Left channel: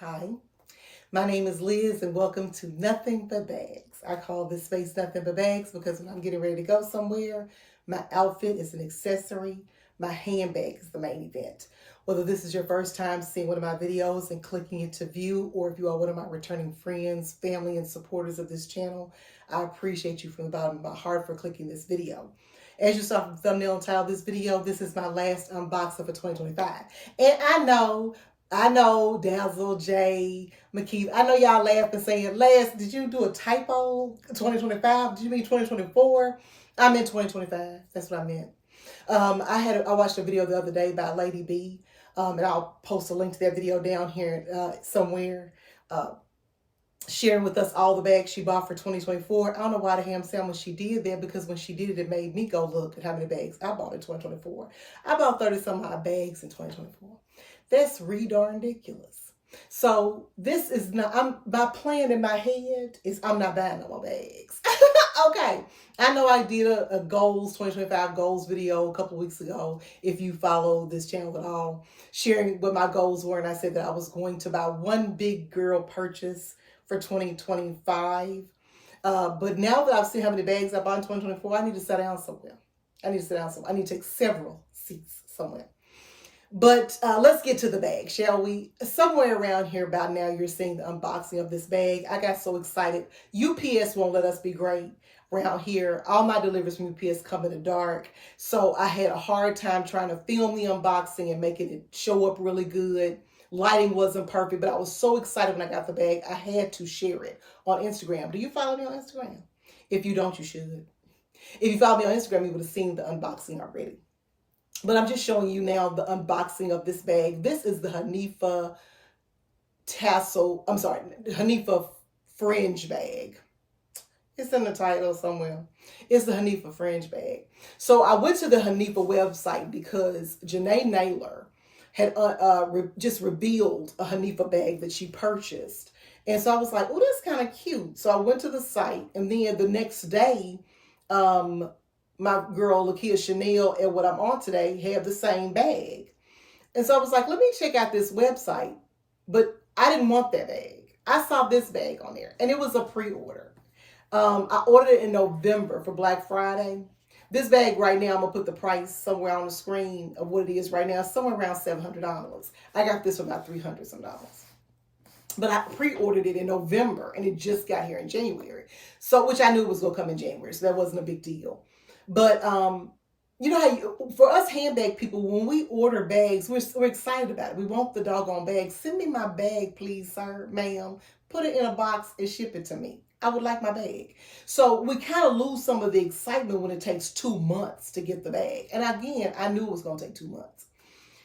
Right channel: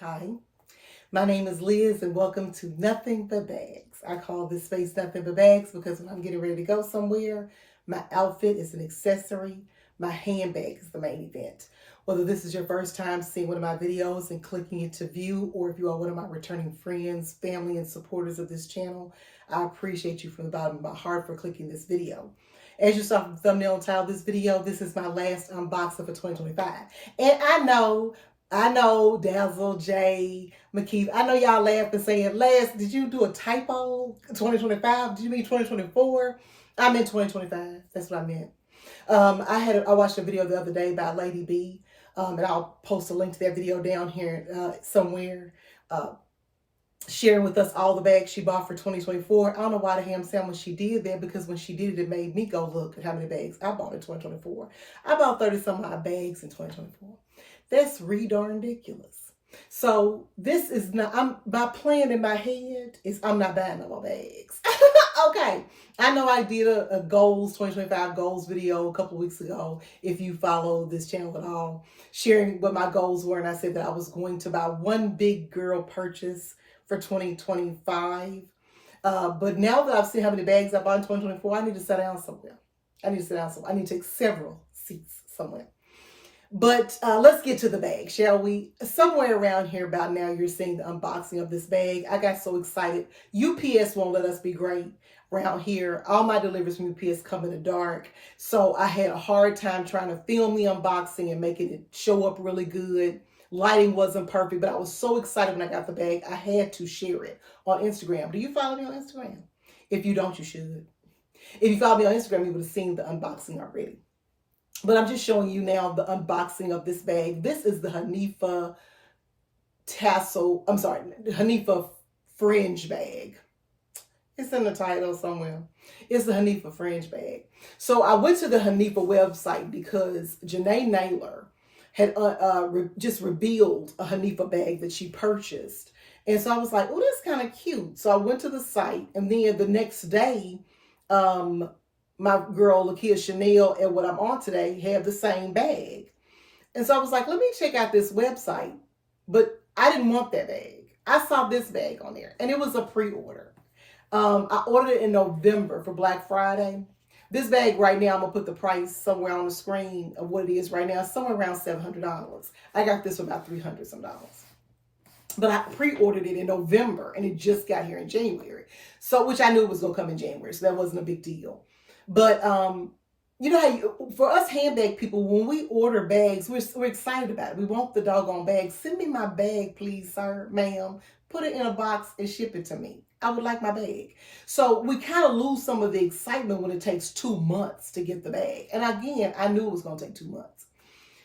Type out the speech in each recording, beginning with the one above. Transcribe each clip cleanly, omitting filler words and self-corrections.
Hi, my name is Liz and welcome to Nothing But Bags. I call this space Nothing But Bags because when I'm getting ready to go somewhere, my outfit is an accessory, my handbag is the main event. Whether this is your first time seeing one of my videos and clicking it to view, or if you are one of my returning friends, family, and supporters of this channel, I appreciate you from the bottom of my heart for clicking this video. As you saw from the thumbnail and title of this video, this is my last unboxing for 2025. And I know, Dazzle, Jay, McKee. I know y'all laughing saying, Les, did you do a typo? 2025? Did you mean 2024? I meant 2025. That's what I meant. I watched a video the other day by Lady B, and I'll post a link to that video down here somewhere. Sharing with us all the bags she bought for 2024. I don't know why the ham sandwich she did there, because when she did it, it made me go look at how many bags I bought in 2024. I bought 30 some odd bags in 2024. That's darn ridiculous. So this is not, my plan in my head is I'm not buying no more bags. Okay. I know I did a goals, 2025 goals video a couple of weeks ago. If you follow this channel at all, sharing what my goals were. And I said that I was going to buy one big girl purchase for 2025. But now that I've seen how many bags I bought in 2024, I need to sit down somewhere. I need to take several seats somewhere. But let's get to the bag, shall we? Somewhere around here about now, you're seeing the unboxing of this bag. I got so excited. UPS won't let us be great around here. All my deliveries from UPS come in the dark. So I had a hard time trying to film the unboxing and making it show up really good. Lighting wasn't perfect, but I was so excited when I got the bag. I had to share it on Instagram. Do you follow me on Instagram? If you don't, you should. If you follow me on Instagram, you would have seen the unboxing already. But I'm just showing you now the unboxing of this bag. This is the Hanifa Hanifa Fringe Bag. It's in the title somewhere. It's the Hanifa Fringe Bag. So I went to the Hanifa website because Janae Naylor had just revealed a Hanifa bag that she purchased. And so I was like, oh, that's kind of cute. So I went to the site, and then the next day, my girl Lakia Chanel and what I'm on today have the same bag. And so I was like, let me check out this website. But I didn't want that bag. I saw this bag on there, and it was a pre-order. I ordered it in November for Black Friday. This bag right now, I'm going to put the price somewhere on the screen of what it is right now, somewhere around $700. I got this for about $300 some dollars. But I pre-ordered it in November, and it just got here in January. So, which I knew was going to come in January, so that wasn't a big deal. But you know how for us handbag people, when we order bags, we're excited about it. We want the doggone bag. Send me my bag, please, sir, ma'am. Put it in a box and ship it to me. I would like my bag. So we kind of lose some of the excitement when it takes 2 months to get the bag. And again, I knew it was going to take 2 months.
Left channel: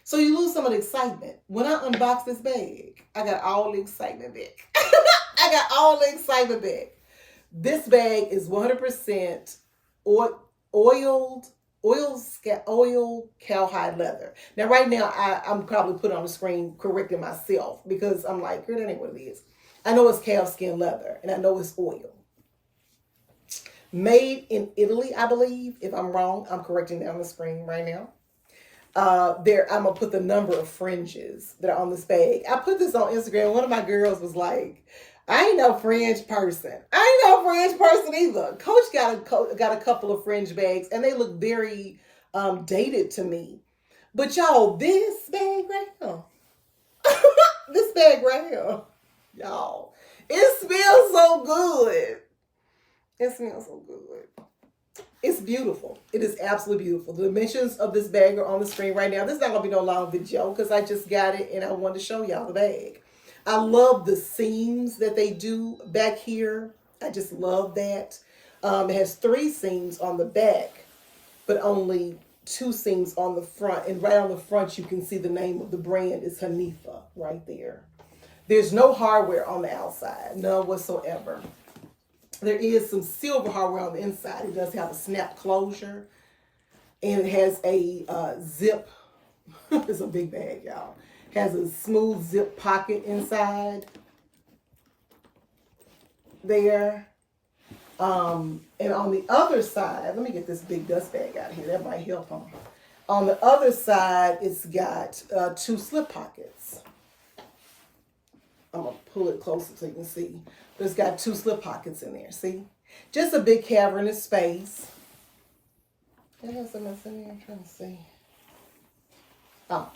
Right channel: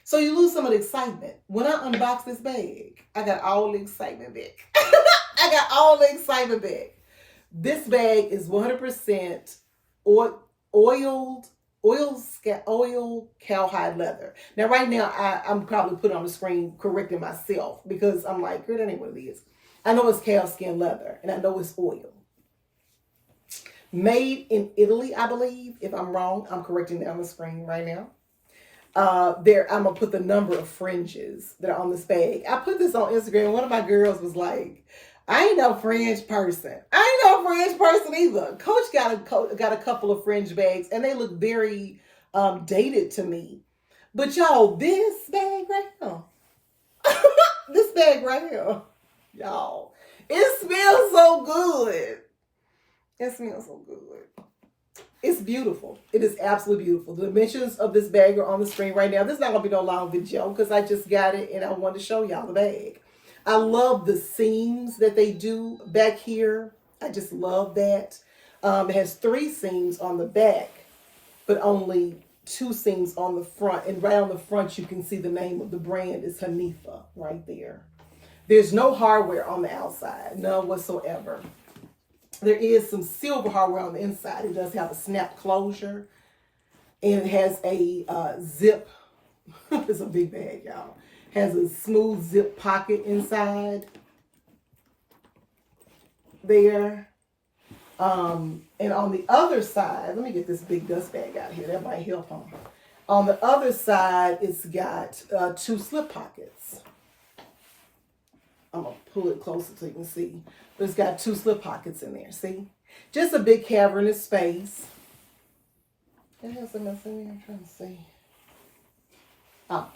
So you lose some of the excitement. When I unboxed this bag, I got all the excitement back. I got all the excitement back. This bag is 100% oil cowhide leather. Now, right now, I'm probably putting on the screen correcting myself because I'm like, girl, that ain't what it is. I know it's cow skin leather, and I know it's oil. Made in Italy, I believe. If I'm wrong, I'm correcting that on the screen right now. I'm gonna put the number of fringes that are on this bag. I put this on Instagram. One of my girls was like, I ain't no fringe person. I ain't no fringe person either. Coach got a couple of fringe bags, and they look very dated to me. But y'all, this bag right here, this bag right here, y'all, it smells so good. It smells so good. It's beautiful. It is absolutely beautiful. The dimensions of this bag are on the screen right now. This is not going to be no long video because I just got it and I wanted to show y'all the bag. I love the seams that they do back here. I just love that. It has 3 seams on the back, but only 2 seams on the front. And right on the front, you can see the name of the brand is Hanifa right there. There's no hardware on the outside, none whatsoever. There is some silver hardware on the inside. It does have a snap closure. And it has a zip. It's a big bag, y'all. Has a smooth zip pocket inside there. And on the other side, let me get this big dust bag out here. That might help them. On the other side, it's got 2 slip pockets. I'm going to pull it closer so you can see. But it's got 2 slip pockets in there, see? Just a big cavernous space. What else am I in there? I'm trying to see. Oh,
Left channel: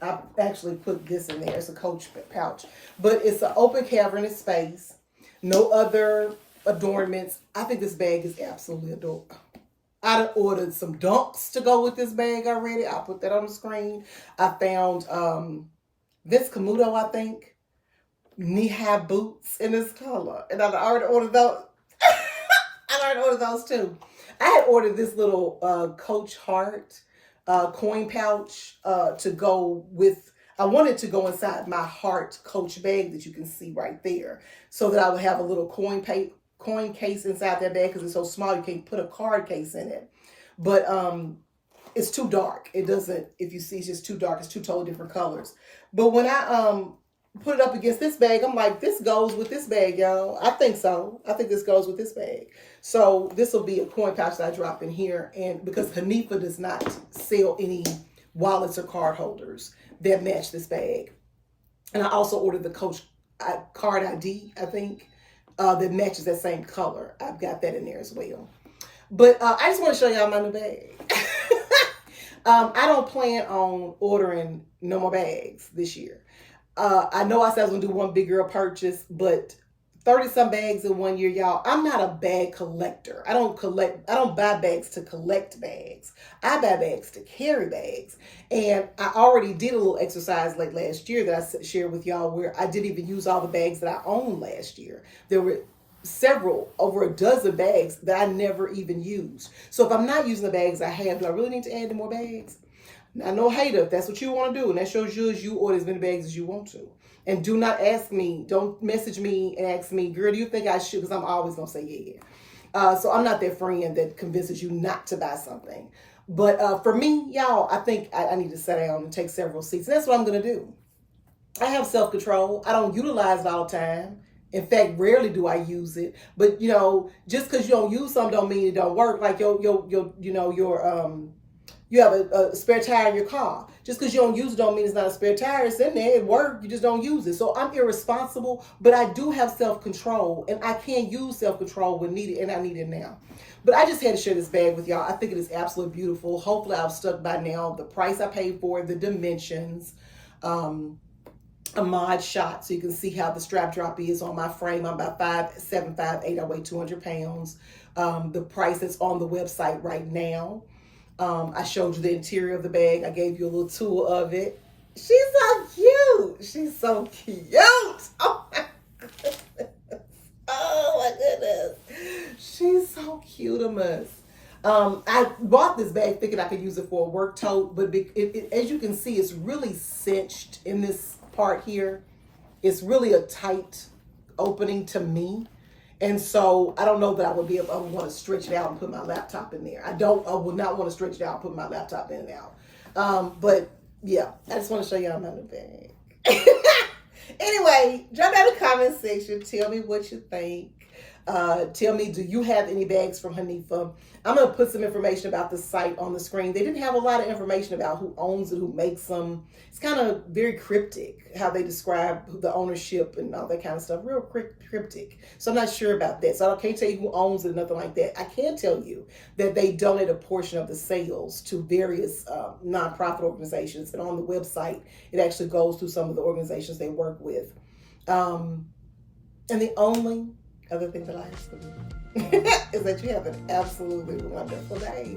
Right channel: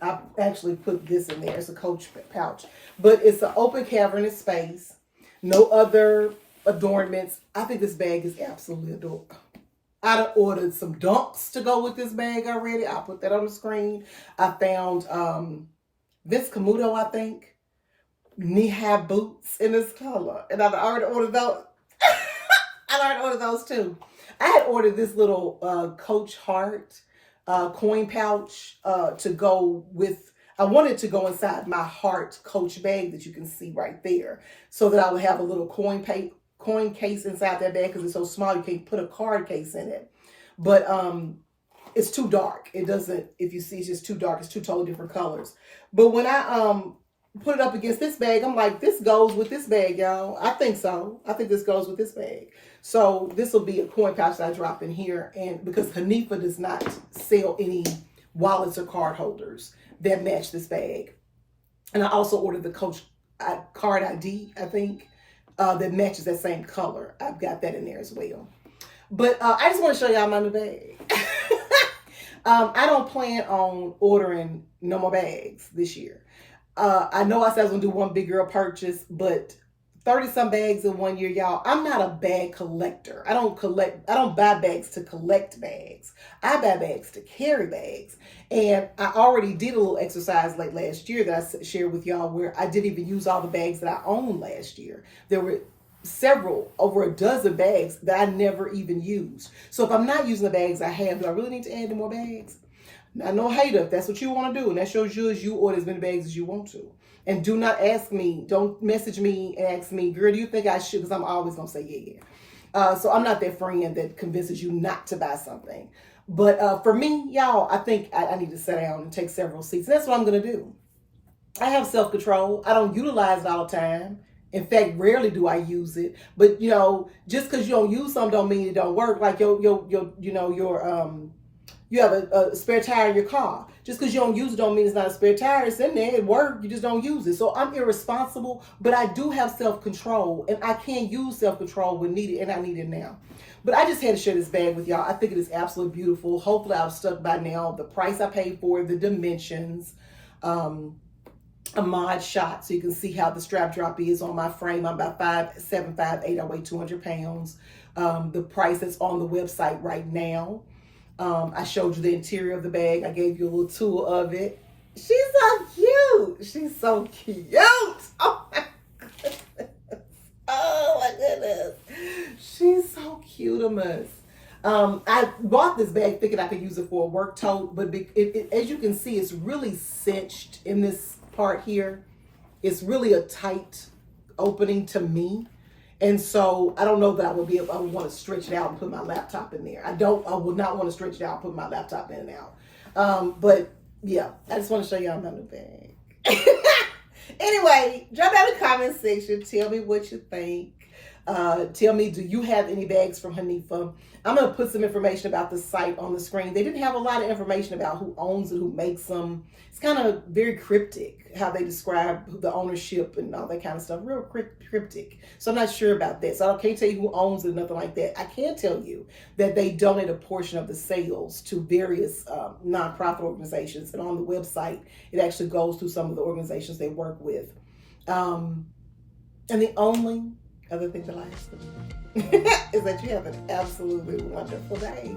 I actually put this in there. It's a Coach pouch. But it's an open cavernous space. No other adornments. I think this bag is absolutely adorable. I done ordered some dunks to go with this bag already. I'll put that on the screen. I found Vince Camuto, I think, knee-high boots in this color. And I already ordered those. I already ordered those too. I had ordered this little Coach Heart coin pouch to go with. I wanted to go inside my Heart Coach bag that you can see right there, so that I would have a little coin case inside that bag, because it's so small you can't put a card case in it. But it's too dark. It doesn't. If you see, it's just too dark. It's 2 totally different colors. But when I put it up against this bag, I'm like, this goes with this bag, y'all. I think so. I think this goes with this bag. So this will be a coin pouch that I drop in here. And because Hanifa does not sell any wallets or card holders that match this bag. And I also ordered the Coach card ID, I think, that matches that same color. I've got that in there as well. But I just want to show y'all my new bag. I don't plan on ordering no more bags this year. I know I said I was going to do one big girl purchase, but 30-some bags in 1 year, y'all. I'm not a bag collector. I don't buy bags to collect bags. I buy bags to carry bags. And I already did a little exercise late last year that I shared with y'all, where I didn't even use all the bags that I owned last year. There were over a dozen bags that I never even used. So if I'm not using the bags I have, do I really need to add any more bags? Now, no hater, if that's what you want to do, and that shows you order as many bags as you want to. And do not ask me, don't message me and ask me, girl, do you think I should? Because I'm always going to say yeah. So I'm not that friend that convinces you not to buy something. But for me, y'all, I think I need to sit down and take several seats. And that's what I'm going to do. I have self-control. I don't utilize it all the time. In fact, rarely do I use it. But, just because you don't use something don't mean it don't work. Like you have a spare tire in your car. Just because you don't use it don't mean it's not a spare tire. It's in there. It works. You just don't use it. So I'm irresponsible, but I do have self-control, and I can use self-control when needed, and I need it now. But I just had to share this bag with y'all. I think it is absolutely beautiful. Hopefully I've stuck by now. The price I paid for it, the dimensions, a mod shot so you can see how the strap drop is on my frame. I'm about 5'7", 5'8". I weigh 200 pounds. The price that's on the website right now. I showed you the interior of the bag. I gave you a little tour of it. She's so cute. She's so cute. Oh my goodness. Oh my goodness. She's so cute. I bought this bag thinking I could use it for a work tote, but as you can see, it's really cinched in this part here. It's really a tight opening to me. And so I don't know that I would want to stretch it out and put my laptop in there. I would not want to stretch it out and put my laptop in and out. But yeah, I just want to show y'all my new bag. Anyway, drop down in the comment section. Tell me what you think. Tell me, do you have any bags from Hanifa? I'm going to put some information about the site on the screen. They didn't have a lot of information about who owns it, who makes them. It's kind of very cryptic how they describe the ownership and all that kind of stuff. Real cryptic. So I'm not sure about that. So I can't tell you who owns it, nothing like that. I can tell you that they donate a portion of the sales to various nonprofit organizations. And on the website, it actually goes through some of the organizations they work with. And the only other thing that I ask for you is that you have an absolutely wonderful day.